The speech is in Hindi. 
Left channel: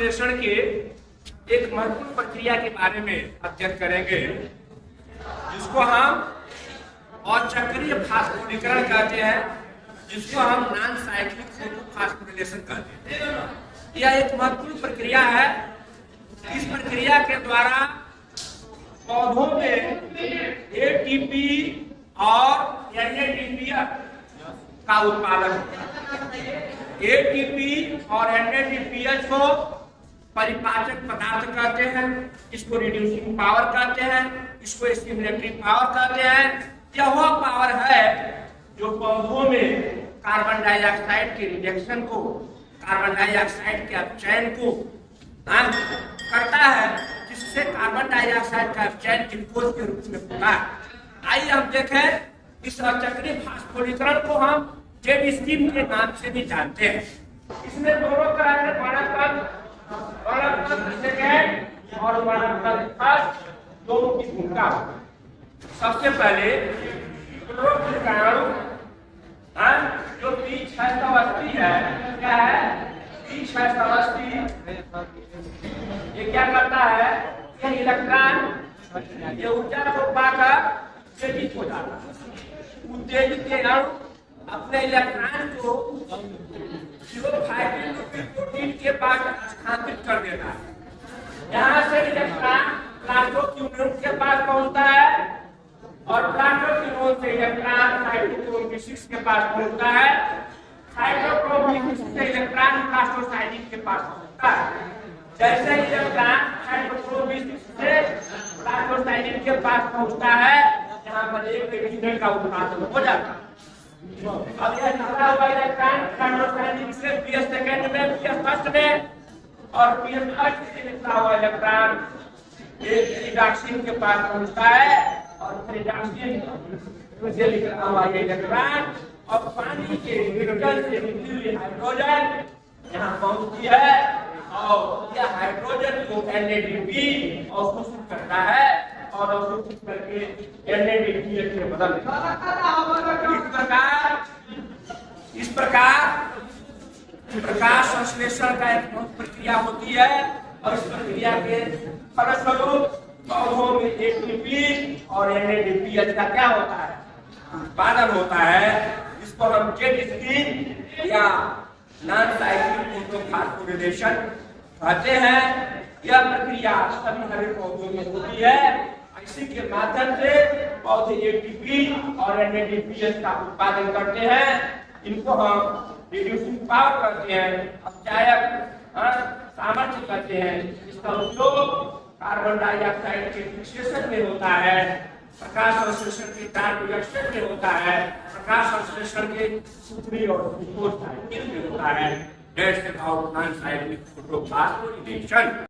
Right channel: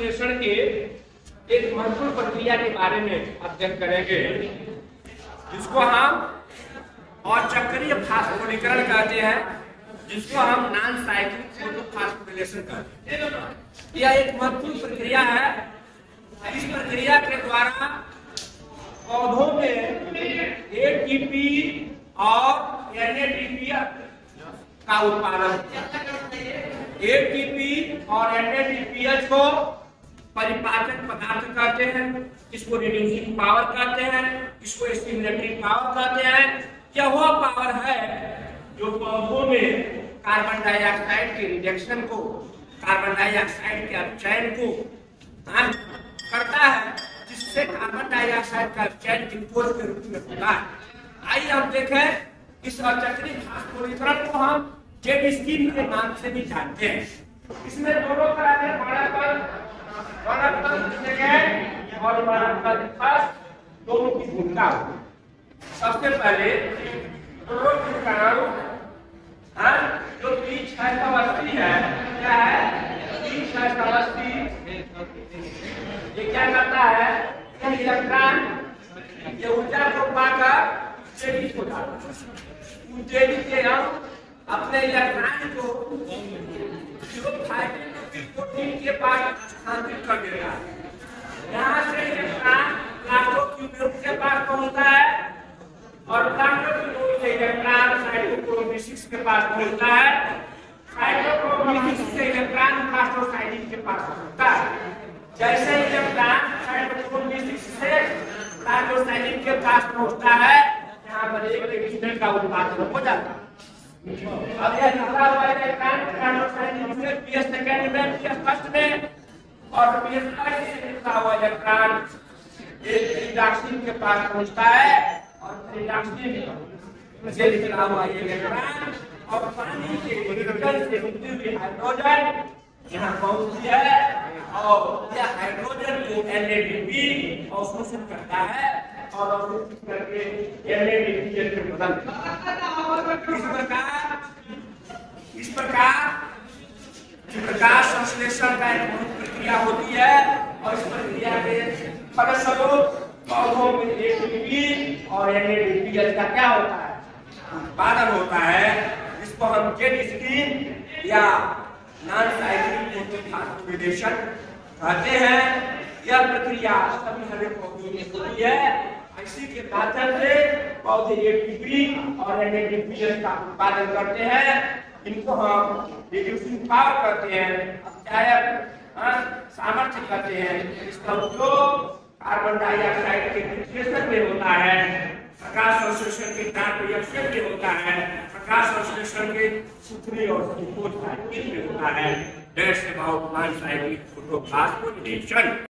संश्लेषण के एक महत्वपूर्ण प्रक्रिया के बारे में अध्ययन करेंगे, जिसको हम अचक्रीय फास्फोरीकरण कहते हैं, जिसको हम नॉन साइक्लिक फोटोफॉस्फोरिलेशन कहते हैं। यह एक महत्वपूर्ण प्रक्रिया है। इस प्रक्रिया के द्वारा पौधों में एटीपी और एनएडीपी का उत्पादन होता है। एटीपी और एनएडीपीएच को परिपाचक पदार्थ कहते हैं, इसको रिड्यूसिंग पावर कहते हैं, इसको स्टिमुलेटरी पावर कहते हैं। यह वह पावर है जो पौधों में कार्बन डाइऑक्साइड के रिजेक्शन को, कार्बन डाइऑक्साइड के अपचयन को करता है, जिससे कार्बन डाइऑक्साइड का अपचयन ग्लूकोज के रूप में होता है। आइए हम देखें, इस अचक्रीय फास्फोरीकरण को हम जेड स्कीम के नाम से भी जानते हैं। इसमें दोनों तरह के वर्णतंत्र सेकेंड और वर्णतंत्र फर्स्ट दोनों की भूमिका होती है। सबसे पहले क्लोरोफिल जो P680 है, क्या है P680, ये क्या करता है, यह इलेक्ट्रॉन ये ऊर्जा को पाकर तेजी हो जाता है। उन तेजी के अणु अपने इलेक्ट्रॉन को प्रोटीन के पास स्थानांतरित कर देता है। यहाँ से इलेक्ट्रॉन प्लास्टोक्यूनोन के पास पहुंचता है और प्लास्टोक्यूनोन से इलेक्ट्रॉन साइटोक्रोम B6 के पास पहुंचता है। साइटोक्रोम B6 से इलेक्ट्रॉन प्लास्टोसाइडिन के पास पहुंचता है। जैसे इलेक्ट्रॉन साइटोक्रोम B6 से प्लास्टोसाइडिन के पास पहुंचता है, यहाँ पर एक रेडिक्शन का उत्पादन हो जाता है। अब यह निकला हुआ इलेक्ट्रॉन प्लास्टोसाइडिन से पीएस सेकेंड में, पीएस फर्स्ट में, और पीएस फर्स्ट से निकला हुआ इलेक्ट्रॉन एक रिडॉक्सिन के पास पहुंचता है और रिडॉक्सिन से निकला हुआ ये इलेक्ट्रॉन और पानी के रिएक्टर से निकली हुई हाइड्रोजन यहाँ पहुंचती है और यह हाइड्रोजन को एनएडीपी अवशोषित करता है और अवशोषित करके एनएडीपीएच में बदल देता है। इस प्रकार संश्लेषण का एक मुख्य प्रक्रिया होती है और इस प्रक्रिया के फलस्वरूप पौधों में एटीपी और एनएडीपीएच का क्या होता है, उत्पादन होता है। इसको हम जेड स्क्रीन या नॉन साइक्लिक फोटोफॉस्फोरिलेशन कहते हैं। यह प्रक्रिया सभी हरे पौधों में होती है। इसी के माध्यम से पौधे एटीपी और एनएडीपीएच का उत्पादन करते हैं। इनको हम रिड्यूसिंग पावर कहते हैं, अपचायक सामर्थ्य कहते हैं। इसका उपयोग कार्बन डाइऑक्साइड के फिक्सेशन में होता है, प्रकाश संश्लेषण के डार्क रिएक्शन में होता है, प्रकाश संश्लेषण के सूत्री और ग्लूकोज साइकिल में होता है। That's about non cyclic photophosphorylation.